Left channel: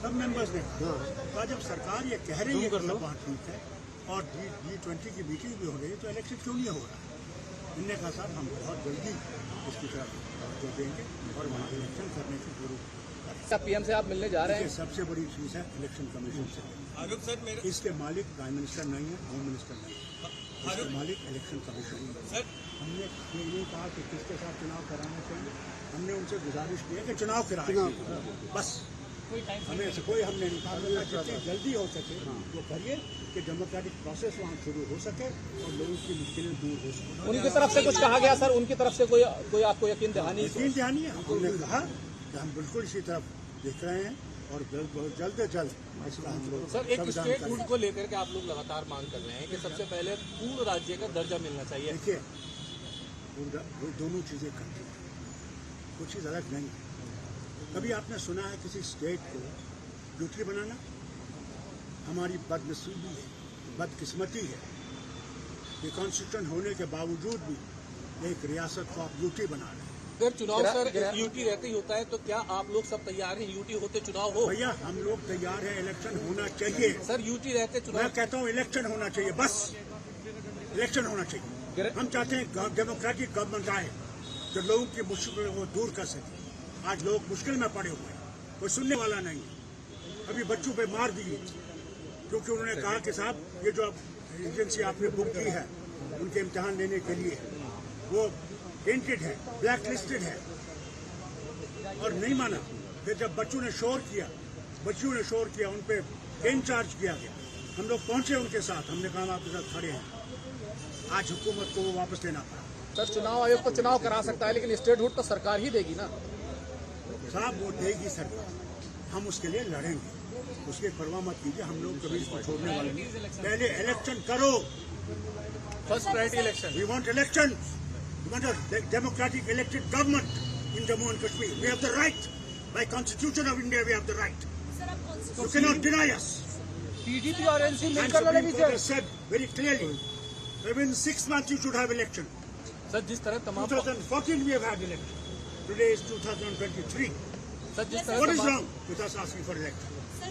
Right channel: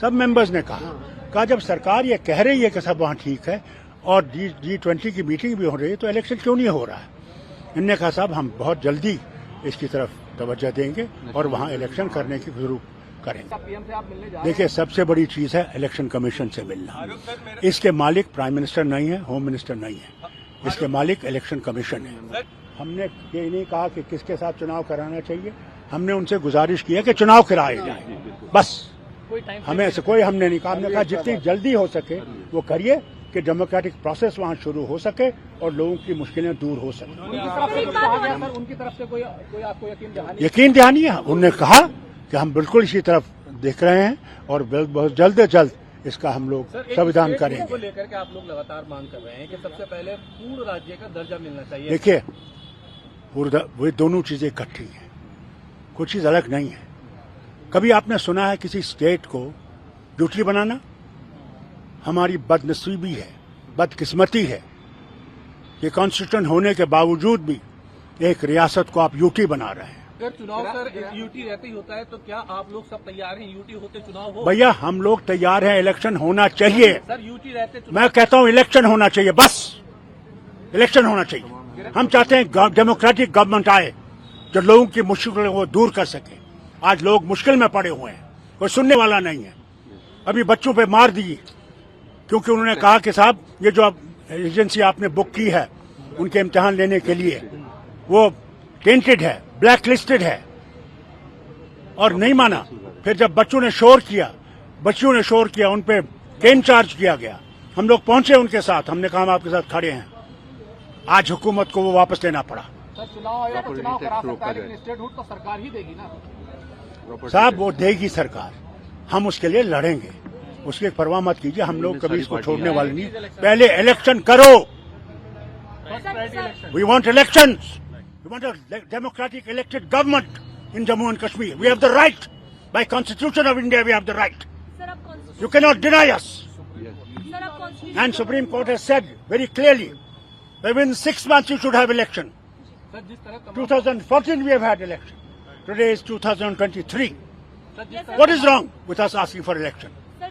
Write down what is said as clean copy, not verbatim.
सब मेंबर्स ने कहा जब सरकार ये कह रही है कि सब वहाँ ठीक है और G20 की मीटिंग भी हो रही है तो इलेक्शन क्यों नहीं हो रहा है। इन्होंने कहा साहब हम बहुत जल्दी इसकी तरफ तवज्जो देंगे और वहाँ इलेक्शन करने की जरूर करेंगे। पीएम से आप मिलने जा रहे हैं? देखिए सबसे बड़ी चीज़ है इलेक्शन कमीशन से मिलना। इसके मालिक प्राइम मिनिस्टर नहीं है, होम मिनिस्टर नहीं है, इसके मालिक इलेक्शन कमीशन है। हमने ये नहीं कहा कि किसके साथ चुनाव कराना चाहिए, हमने उनसे गुजारिश की है कि चुनाव कराए जाए, बस। हमें ऐसे कोई हमने नहीं कहा, हमने कहा जितनी जल्दी हो सके वो करिए कि डेमोक्रेटिक प्रोसेस वहाँ शुरू हो सके और लोगों की मुश्किलें दूर हो सके। उनकी तरफ से कुछ कहा गया सर? उनकी तरफ से कोई आपको यकीन दहानी है। उन्होंने कहा कि हम बिल्कुल इसी तरफ देख रहे हैं और बहुत जल्द से जल्द इसका हम लोग संविधान करेंगे। को लेकर के आप लोग लगातार मांग कर रहे हैं कि सबसे पहले पूर्ण राज्य का दर्जा मिलना चाहिए। देखिए वे दोनों चीजें इकट्ठी हैं, कुछ चीज अलग नहीं है। कभी आपने सुना है किसी स्टेट को यूटी बनाना? हमारी बदनसीबी है, बदकिस्मती है कि कॉन्स्टिट्यूशन होने के बावजूद भी एक रियासत को आप यूटी बना रहे हैं। अगर चुनाव सर यूटी रहते होता है तो क्या आप लोग सब तैयार हैं यूटी होते चुनाव हो? भैया हम लोग तैयार हैं, इलेक्शन होना चाहिए। सर यूटी रहते मैं कहता हूं इलेक्शन होना चाहिए, बस इलेक्शन होना चाहिए। हम चाहते हैं डेमोक्रेटिक गवर्नमेंट आए जो लोगों की मुश्किलों को दूर कर सके। आज लोग मुश्किल में पड़े हुए हैं, कोई सुनने वाला नहीं है। अभी बच्चों पे मार दिए क्योंकि उन्होंने कहा कि साहब ये जो अब एजेंसी आपने बुक की है उनके इम्तिहान लेने के लिए वो टेंटेड है, ब्लैक लिस्टेड है, और नहीं माना। फिर जब बच्चों ने शोर किया उन पे केन चार्ज किया गया। हम लोग पहुंचे उनके साथ, हमने कहा हम आपके साथ खड़े हैं। आज हुकूमत को वो वापस लेना पड़ा। सर चुनाव आयोग तो चुनाव करा सकता है लेकिन स्टेटहुड तो सरकार ही देगी ना। साहब वो देगी सरकार, हम उसके लिए लड़ेंगे, उसकी परवाह मत कीजिए। हम लोग कभी इसको छोड़ने वाले नहीं। पहले इलेक्शन करो। We want elections, we want a democratic elected government in Jammu and Kashmir. We have the right, by constitution of India we have the right. You can not deny us. And supreme court has said very clearly within 6 months you should have election. 2014 we have had election. Today is 2023. What is wrong with us asking for election?